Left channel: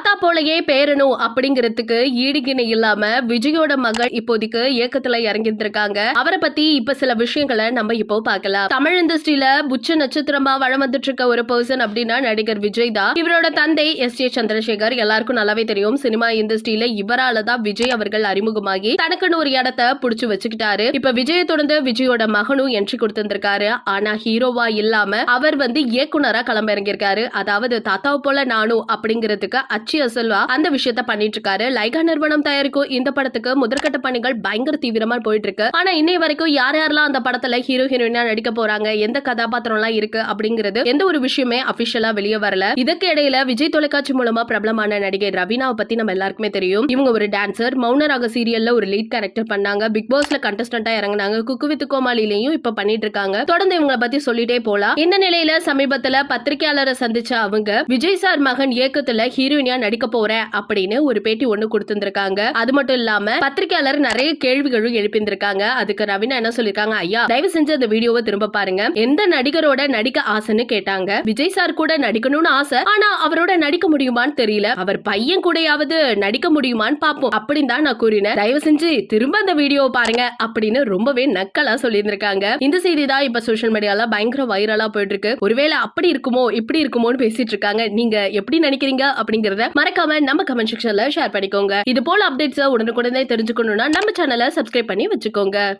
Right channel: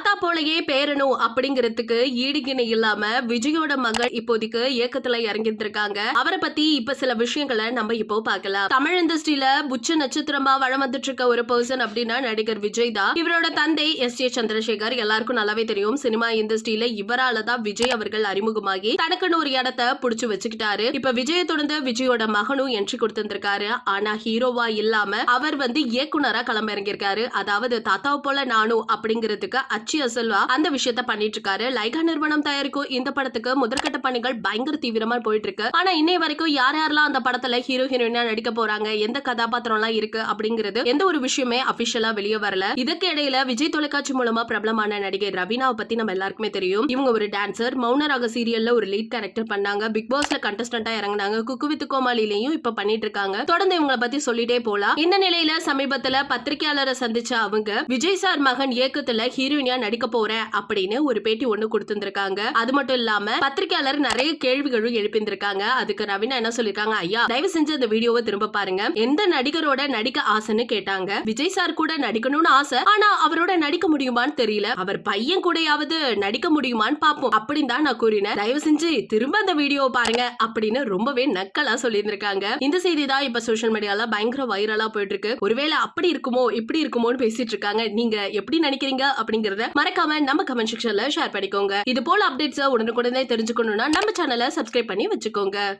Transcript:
தாத்தா போலயே பேரணும் அப்படிங்கிறதுக்கு ஈடுகிணை இல்லாம விஜயோட மகள் இப்போதைக்கு இயக்கத்துல இறங்கிருக்காங்க. அவரை பத்தி இப்ப சில விஷயங்களை நம்ம இப்போ பார்க்கலாம். தமிழ் இண்டஸ்ட்ரியில புச்ச நட்சத்திரமா வளம் வந்துட்டு இருக்க ஒரு பர்சன் அப்படின்னா நடிகர் விஜய் தான். இவரோட தந்தை எஸ் ஏ சந்திரசேகர் எல்லாருக்கும் நல்லாவே தெரியும். சினிமா இண்டஸ்ட்ரியில இவரால தான் விஜய் அவர்கள் அறிமுகமாகி தனக்குன்னு ஒரு இடத்தை புடிச்சு வச்சுக்கிட்டாரு. இப்ப விஜயை தொடர்ந்து விஜயோட மகனும் என்ட்ரி கொடுத்திருக்காரு. ஆனா ஹீரோவா இல்லாம அவர் இயக்குனரா களம் இறங்கியிருக்காரு. அதாவது தாத்தா போல நானும் அப்படிங்கிறதுக்கு அச்சு அசல்வா அந்த விஷயத்த பண்ணிட்டு இருக்காரு. லைகா நிறுவனம் தயாரிக்கும் இந்த படத்துக்கு முதற்கட்ட பணிகள் பயங்கர தீவிரமா போயிட்டு இருக்கு. ஆனா இன்னை வரைக்கும் யார் யாரெல்லாம் அந்த படத்துல ஹீரோ ஹீரோயினா நடிக்க போறாங்க, எந்த கதாபாத்திரம் எல்லாம் இருக்கு அப்படிங்கிறது எந்த ஒரு விஷயமே அபிஷியலா வெளியே வரல. இதுக்கு இடையில விஜய் தொலைக்காட்சி மூலமா பிரபலமான நடிகை ரவீனாவை பத்தி நம்ம எல்லாருக்குமே தெரியும். இவங்க ஒரு டான்சர். மௌனராக சீரியல்ல ஒரு லீட் கேரக்டர் பண்ணாங்க. பிக் பாஸ்ல கண்டஸ்டன்டா இறங்கினாங்க. குக்கு வித் கோமாளிலையும் இப்ப பண்ணிட்டு இருக்காங்க. தொடர்ந்து இவங்களை பத்தி சொல்லிட்டே போலாம். இந்த நிலையில சமீபத்துல பத்திரிகையாளரை சந்திச்ச அவங்க விஜய் சார் மகன் இயக்கத்துல ஹீரோயினியா நடிக்க போறேன் அப்படின்னு ஒரு பேட்டி ஒண்ணு கொடுத்திருக்காங்க. அது மட்டும் இல்லாம பத்திரிகையாளர் நிறைய கேள்விகளும் எழுப்பியிருக்காங்க. அதுக்கு ரவீனா என்ன சொல்லிருக்காங்க, ஐயா தயவு செஞ்சு அந்த வீடியோவை திரும்ப பாருங்க. எந்த நடிகரோட நடிக்க ஆசைன்னு கேட்டாங்க. விஜய் சார் கூட நடிக்கணும்னு ஆசை, ஆனா அவரோட நடிக்க முடியுமான்னு தெரியல. அவர் பையன் கூடயாவது நடிக்க முடியுமான்னு பாப்போம் அப்படின்னு தான் நான் கூறினேன். தயவு செஞ்சு திரும்ப அந்த வீடியோவை பாருங்க அப்படின்னு ரொம்பவே நக்கலா சொல்லியிருந்திருக்காங்க. இந்த செய்தி தான் இப்ப சோஷியல் மீடியால பயங்கர வைரலா போயிட்டு இருக்கு. ஒருவேளை அப்படி இருக்குமோ இப்படி இருக்குமோன்னு பேசிட்டு இருக்காங்க. நீங்க எப்படி நினைக்கிறீங்க அப்படிங்கறத மறக்காம நம்ம கமெண்ட் செக்ஷன்ல ஷேர் பண்ணிக்கோங்க. இது போல அப்டேட்ஸ் உடனுக்குடனே தெரிஞ்சுக்கணும்னா நம்ம சேனலை சப்ஸ்கிரைப் பண்ணி வச்சுக்கோங்க.